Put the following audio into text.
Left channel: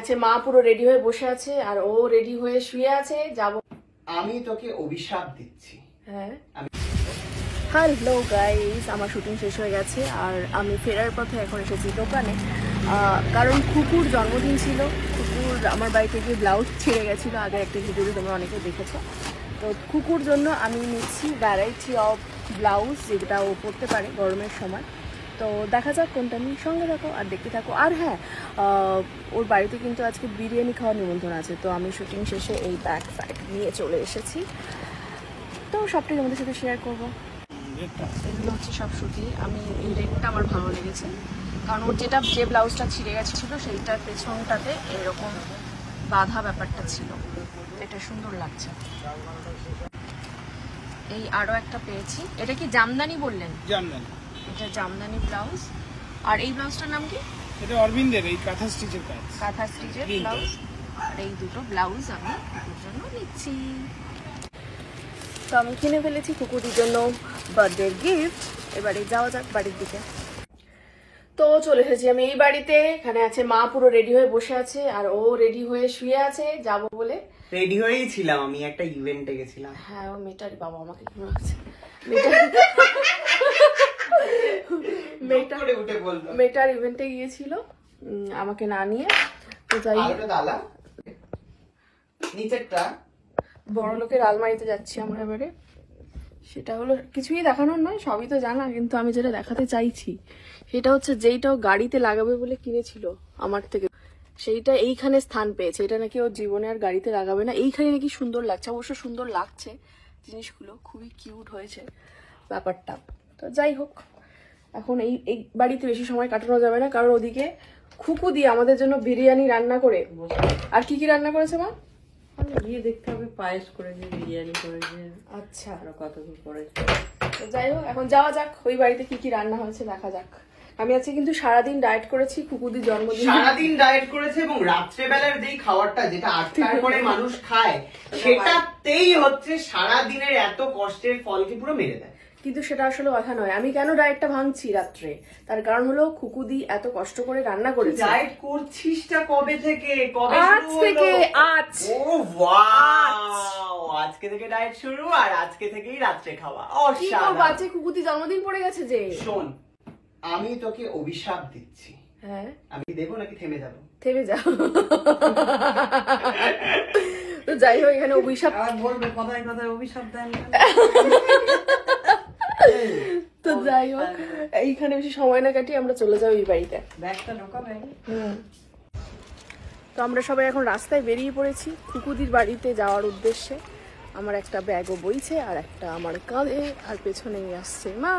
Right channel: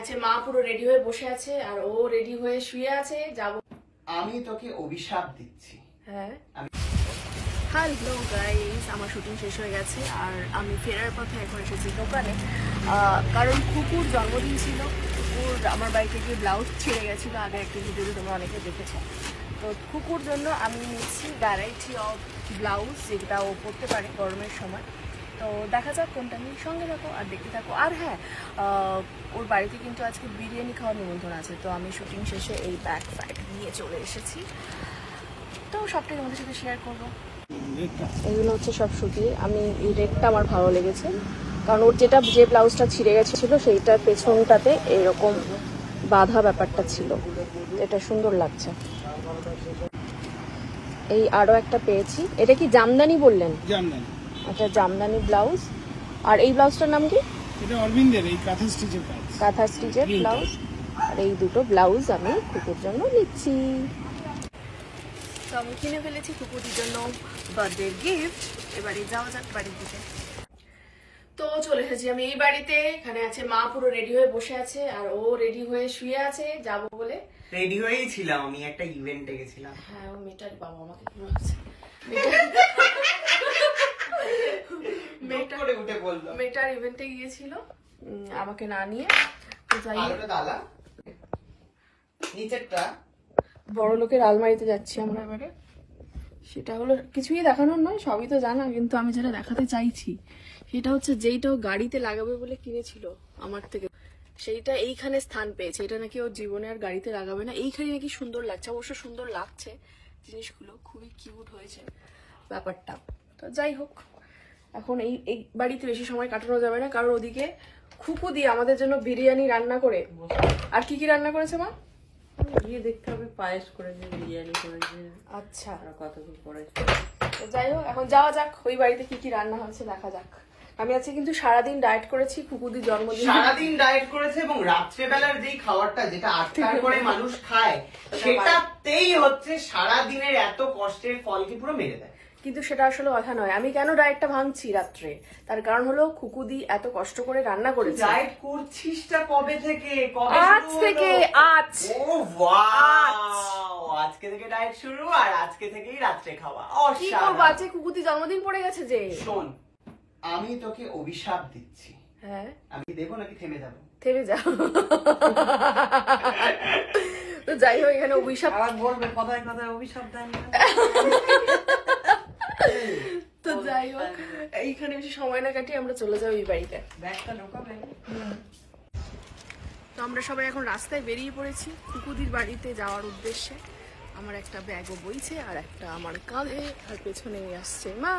আছে মা পুরো রেডি হয়ে বসে আছে আর ও রেডি হয়ে শুয়ে আছে। যাব আমি তোকে অভিশাপ দিচ্ছি। হ্যাঁ হ্যালো গাইস, আমার শুটিং শেষ হয়ে গেছে আর আমি ফেরার পথে এখন এসেছি দোকানে, কারণ কুকুর জন্মদিন ছিল। কুকুর আমার বাড়িতে গিয়ে ব্লাউজ ছিঁড়ে গেছিলো, আগে একটা ভিডিওতে তোমরা অনেকে দেখেছো। তো কুকুর জন্য আমি নিচ্ছি ভ্যারাইটি অফ ব্লাউজ, যেটা ও পরতে পারে গরমের সময়। তো দেখা যাক কোনটা নিয়ে, সঙ্গে থাকো আর দেখতে থাকো। আর হ্যাঁ, ওর বাড়িতে কিন্তু আজকে বিরিয়ানি খাওয়ার নিমন্ত্রণ আছে, তো আমি শুটিং শেষে এই ব্যাগ ফ্যাগ নিয়ে চলে এসেছি, তো সবটাই আমাদের সাথে শেয়ার করবো। এগুলো হচ্ছে সব সুতি। আমি এই রেডটা আমার ভালো লেগেছে, কারণ ওর যে ব্লাউজটা ছিঁড়ে গেছিলো সেইটার পেছনটাতে এরকম বাঁধা ব্যাপারটা ছিল, এটা সুন্দর লাগছে। এই আরো একটা পেয়েছি, এটা কি জামদানি বললেন? জামদানি, এটা জামদানি ব্লাউজ। আর এই ব্লাউজটার নাম কি? এটা অরবিন্দের, এই কাঁথা স্টিচের কাজ, কাঁথা স্টিচের ব্লাউজ। আর এই দুটো ব্লাউজ আমি কুকুর জন্য নিচ্ছি। তো আমি কিনে ফেলেছি কুকুরের জন্য বার্থডে গিফট। এবারে যাওয়া যাক বাড়ির দিকে। তো চলে এসেছি আমি এই বাড়িতে। এখানে আছে মা পুরো রেডি হয়ে বসে আছে আর ও রেডি হয়ে শুয়ে আছে যাব বলে। রেডি হয়েই ছিলাম, আমি একটা ইভেন্টে গেছিলাম। হ্যাঁ, ও মেয়েটার বাবা আমাকে কি আছে, মেয়েটার ইভেন্টে গিয়েছিল আমাকে না নিয়ে। তো যাই নিচেরটা বড় লোকের আলমারিতে যাচ্ছি আমরা এবারে। সেটা হলো, কিছুই দেখানোর নয়, সবই তো জানা, কিন্তু আমি যেটা দেখাতে চাইছি সেটা হচ্ছে যেইটাও গাড়িতে লাগাবে বলে কিনেছিল আমার থেকে, সেইটা এইখানে স্থান পেয়েছে। এটা নাকি ওর জীবনে আর গাড়িতে লাগাবে না, এইখানে নাকি সুন্দর লাগছে। অবশ্য সুন্দর লাগছে জিনিসগুলো, খুবই কিউট হয়েছে ব্যাপারটা। তো যাই হোক, এখন এই বাড়িতে বেশি সময় কাটানো যাবে না, কারণ ওদিকে খুকু দিয়ে আমাদের জন্য বিরিয়ানি রান্না করে। আর কি কি রান্না করেছে মা? গিয়ে দেখতে হবে, পায়েস করেছে, বিরিয়ানি করেছে, আচ্ছা আরো কত কি করেছে। তো যাই হোক, এখন যাওয়া যাক ওই বাড়িতে কি কি রান্না হয়েছে দেখা যাক। আমি আজকে কিন্তু সারাদিন ডায়েট করেছি, কুকুদির জন্মদিন সারাদিন ডায়েট করেছে, এবং রাত্রেবেলার যেই খাবারটা যেটা 8টার পরে মানুষ খায় সেটাতেই হচ্ছে সারাদিনের এত কষ্টের ফলকে পুরো মেরে দেয়। কিন্তু সেটা আসলে কথা নয়। আমি কেন ডায়েটটা ভাঙছি রাত্রে, তার কারণ হলো কুকুদি এত কষ্ট করে রান্না করেছে। ডায়েট করছিসটা কবে থেকে? আজ থেকে। আজ ও ওয়াও, আজকে থেকে ডায়েট শুরু, আর আজকে থেকেই রাত্রে খাওয়া। কি করব, আজকে কুকুদি জন্মদিন পড়ে গেছে যে। শোন, আমি তোকে অভিশাপ দিচ্ছি। হ্যাঁ, আমি দেবো নাকি থেমে যাবো? থেমে যাও। তো যাই হোক, এখানে অভিশাপ বলবে, কথায় কথায় অভিশাপ দেন। তো যাই হোক, এইখানে বেশি সময় না কাটিয়ে আমরা চলে যাবো এই বাড়িতে। ব্যাগটা ঢোকাবে। তো আমরা সবাই এখন রাস্তায় বেরিয়ে পড়েছি কুকুদির বাড়িতে যাওয়ার উদ্দেশ্যে। আমার একটা ব্যাগও বইছে আর একটা আমার কাঁধে, আর পেছনেই আসছে মা।